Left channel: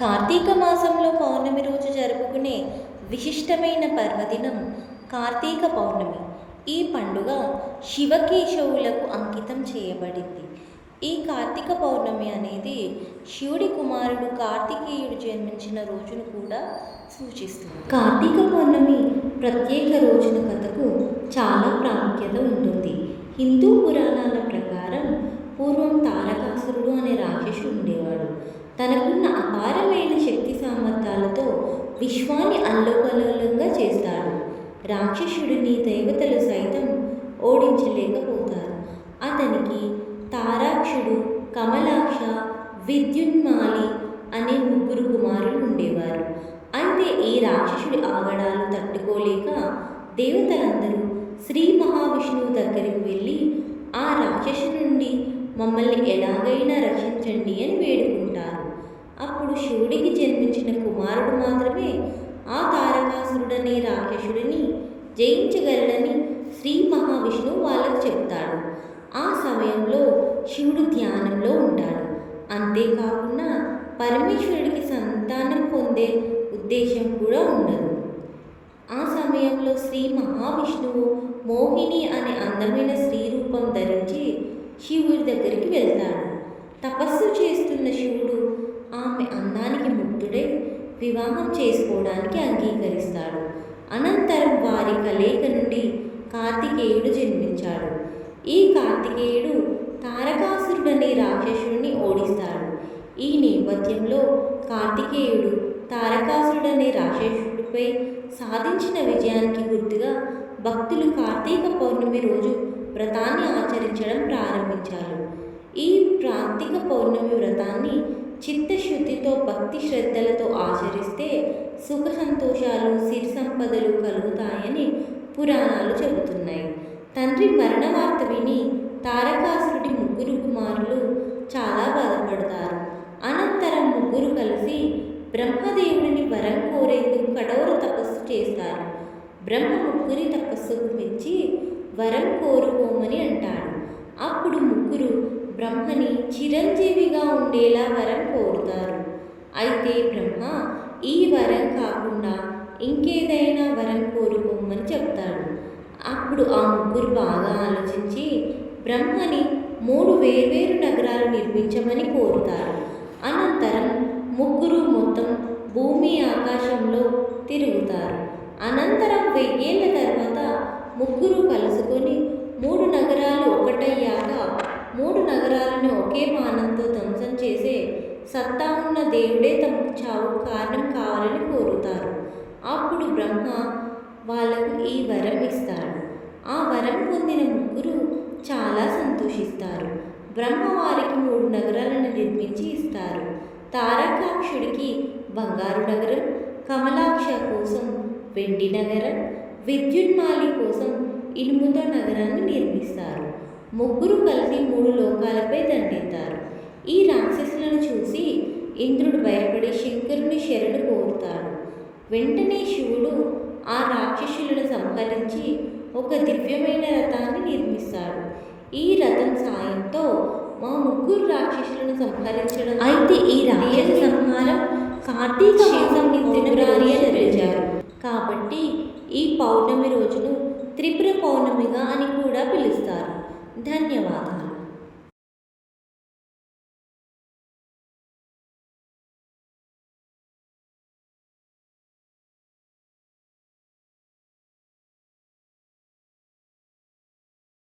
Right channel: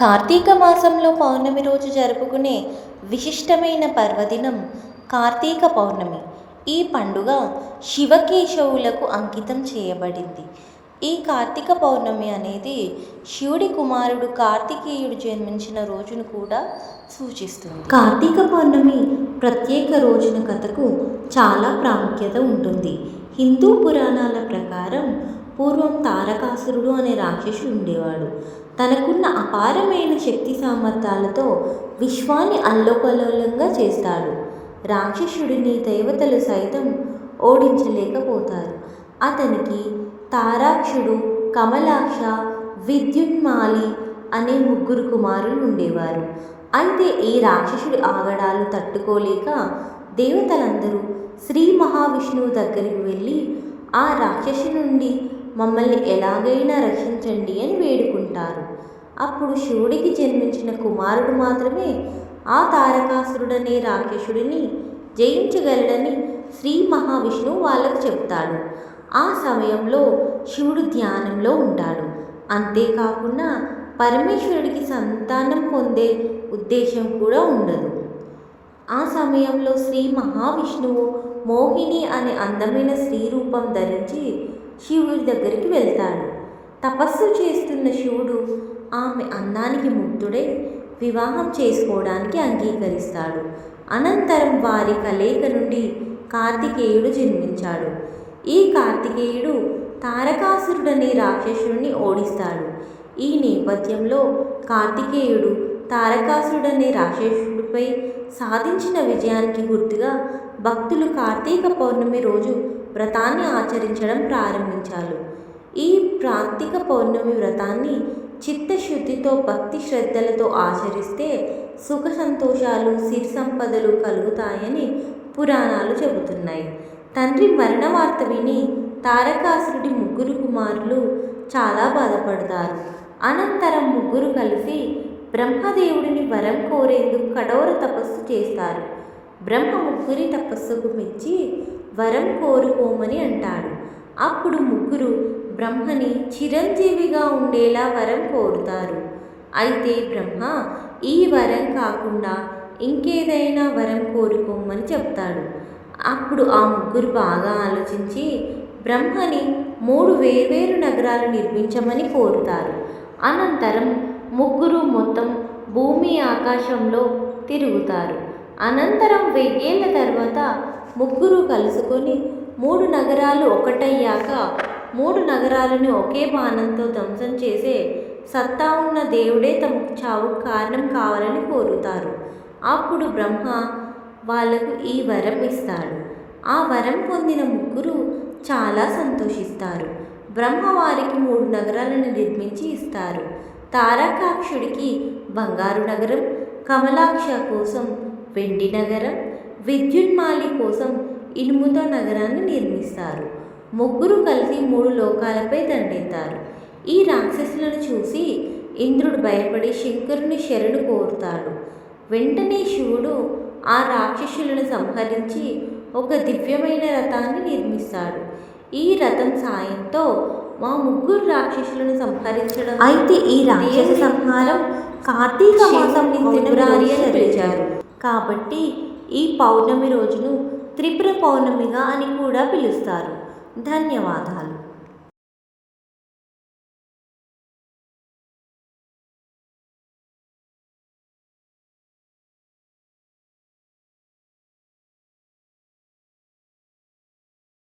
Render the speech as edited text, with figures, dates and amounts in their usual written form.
కార్తీక మాసంలో పౌర్ణమి రోజు జరుపుకునే విశిష్టమైన పర్వదినం కార్తీక పౌర్ణమి. ఈ పండుగ శివకేశవులకు అంకితం చేయబడింది. ఈ కార్తీక పౌర్ణమి అనేది శివుడి కుమారుడు కార్తికేయుడు జన్మించిన రోజును కూడా సూచిస్తుంది. కార్తీక పౌర్ణమి ప్రత్యేక రోజున కథకు చాలా ప్రాముఖ్యత ఉంటుంది. హిందూ పురాణాల ప్రకారం పూర్వం తారకాసురుడు అనే రాక్షసుడు ఉండేవాడు. తనకున్న అపారమైన శక్తి సామర్థ్యాలతో విశ్వాన్ని అల్లకల్లోలంగా చేస్తాడు. రాక్షసుడిని దేవతలు సైతం ఓడించలేకపోతారు. అతనికి తారాక్షుడు, కమలాక్ష, విద్యున్మాలి అనే ముగ్గురు కుమారులు ఉండేవారు. అయితే ఈ రాక్షసుడి ఆగడాలు తట్టుకోలేక దేవతలందరూ శ్రీ మహావిష్ణువు దగ్గరికి వెళ్ళి ఆ రాక్షసు నుండి మమ్మల్ని ఎలాగైనా రక్షించండి అని వేడుకుంటారు. అప్పుడు శివుడికి జన్మించిన కుమారుడు మాత్రమే ఆ తారకాసురుడనే రాక్షసుడిని జయించగలడని శ్రీ మహావిష్ణువు వాళ్ళకు చెప్తాడు. ఆ సమయంలో శివుడు ధ్యానంలో ఉంటాడు. అంతేకాకుండా పరమేశ్వరుడికి సంతానం పొందే ఉద్దేశం కూడా ఉండదు. ఆ సమయంలో శ్రీ మహావిష్ణువు మోహిని అనే అందమైన స్త్రీ రూపం ధరించి శివుడి దగ్గరికి వెళ్తాడు. తపస్సు చేస్తున్న శివుడు ఆమె అందానికి ముగ్ధుడై వివాహం చేసుకోవడానికి అంగీకరిస్తాడు. అనంతరం వారి కలయిక నుండి కార్తికేయుడు జన్మించాడు. ఈ కార్తికేయుడు తారకాసురుడనే రాక్షసుడిని ఓడిస్తాడు. ఈ నేపథ్యంలో కార్తికేయుడు తారకాసురుడనే రాక్షసుడిపై సాధించిన విజయానికి గుర్తుగా భక్తులు కార్తీక పౌర్ణమి రోజు వ్రతాన్ని ఆచరించడం ప్రారంభించారు. ఈ కార్తీక పౌర్ణమి వ్రతాన్ని చిత్తశుద్ధితో భక్తి శ్రద్ధలతో ఆచరిస్తే సుఖ సంతోషాలు, సిరి సంపదలు కలుగుతాయని పురాణాలు చెబుతున్నాయి. తండ్రి మరణ వార్త విని తారకాసురుడి ముగ్గురు కుమారులు చాలా బాధపడతారు. అనంతరం ముగ్గురు కలిసి బ్రహ్మదేవుడిని వరం కోరేందుకు కఠోర తపస్సు చేస్తారు. బ్రహ్మ ముగ్గురి తపస్సుకు మెచ్చి వరం కోరుకోమని అంటాడు. అప్పుడు ముగ్గురు బ్రహ్మని చిరంజీవిగా ఉండేలా వరం కోరుతారు. అయితే బ్రహ్మ ఈ వరం కాకుండా ఇంకేదైనా వరం కోరుకోమని చెప్తాడు. అప్పుడు ఆ ముగ్గురు బాగా ఆలోచించి బ్రహ్మని 3 వేర్వేరు నగరాలు నిర్మించమని కోరుతారు. అనంతరం ముగ్గురు మొత్తం భూమి ఆకాశంలో తిరుగుతారు. అనంతరం 1000 ఏళ్ల తర్వాత ముగ్గురు కలుసుకొని 3 నగరాలు ఒకటయ్యాక 3 నగరాలను ఒకే బాణంతో ధ్వంసం చేసే సత్తా ఉన్న దేవుడే తమకు చావుకు కారణం కావాలని కోరుతారు. అప్పుడు బ్రహ్మ వాళ్లకు ఈ వరం ఇస్తాడు. ఆ వరం పొందిన ముగ్గురు చాలా సంతోషిస్తారు. బ్రహ్మ వారికి 3 నగరాలను నిర్మించి ఇస్తారు. తారకాక్షుడికి బంగారు నగరం, కమలాక్ష కోసం వెండి నగరం, విద్యున్మాలి కోసం ఇనుముతో నగరాన్ని నిర్మిస్తారు. ముగ్గురు కలిసి 3 లోకాలపై దండెత్తారు. ఈ రాక్షసులను చూసి ఇంద్రుడు భయపడి శంకరుని శరణు కోరుతాడు. వెంటనే శివుడు ఆ రాక్షసులను సంహరించి ఒక దివ్యమైన రథాన్ని నిర్మిస్తాడు. ఈ రథం సాయంతో మా ముగ్గురు రాక్షసులను సంహరించడం. అయితే ఈ రాక్షస సంహారం కార్తీక మాసం పౌర్ణమి అని పిలిచారు. కాబట్టి ఈ పౌర్ణమి రోజును త్రిపుర పౌర్ణమిగా అని కూడా పిలుస్తారు. ధన్యవాదాలు.